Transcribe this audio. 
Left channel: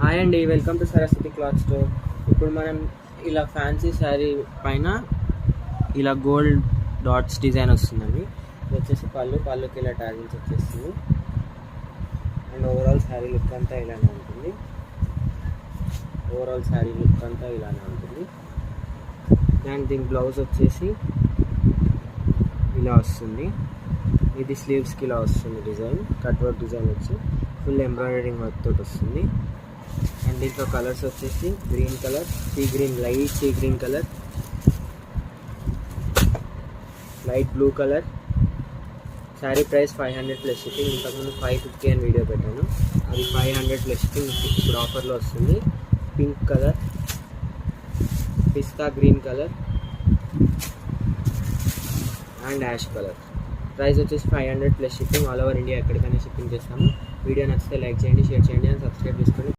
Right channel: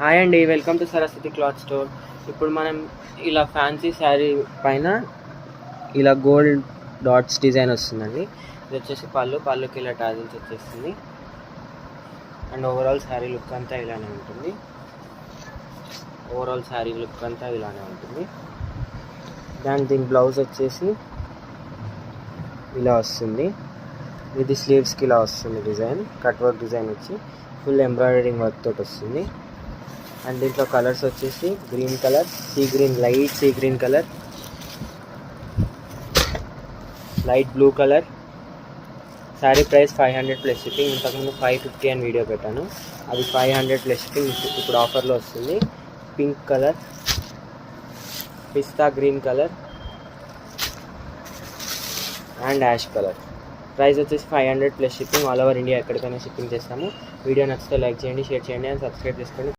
Hi అండి, welcome to Saraswati cloth store. ఇప్పుడు మనం ఇలా ఫ్యాన్సీ శారీ పైన ఇలా గోల్డ్ డాట్స్ డిజైన్ వస్తుందండి. ఇది వచ్చేసి పళ్ళుకి ఇలా టాజిల్స్ వచ్చేస్తుంది. అండ్ ఓవరాల్ శారీ లుక్ అంతా ఇలానే ఉంటుంది. దీని బ్లౌజ్ వచ్చేసి ఇలా వస్తుంది. ఇది స్లీవ్స్కి ఇలా వస్తుంది. డిజైన్ కట్ వర్క్ డిజైన్ వచ్చి ఫుల్ ఎంబ్రాయిడరింగ్ వర్క్ తోటి వస్తుంది. అండ్ దీంట్లో కలర్స్ వచ్చేసి green colour, light sea green colour, light blue colour. Sari price 500 plus shipping. ఇంతకుముందు 550 అని వీడియో పెట్టాను, అది 500 ప్లస్ షిప్పింగ్. ఇప్పుడు ఆఫర్లో వస్తుంది. Pink colour, pista green colour and ash colour. Price వచ్చేసి 500 plus shipping. All over India ఎక్కడికైనా షిప్పింగ్ చేస్తాము. వీడియో నచ్చితే లైక్ చేయండి, షేర్ చేయండి అండ్ సబ్స్క్రైబ్ చేసుకోండి.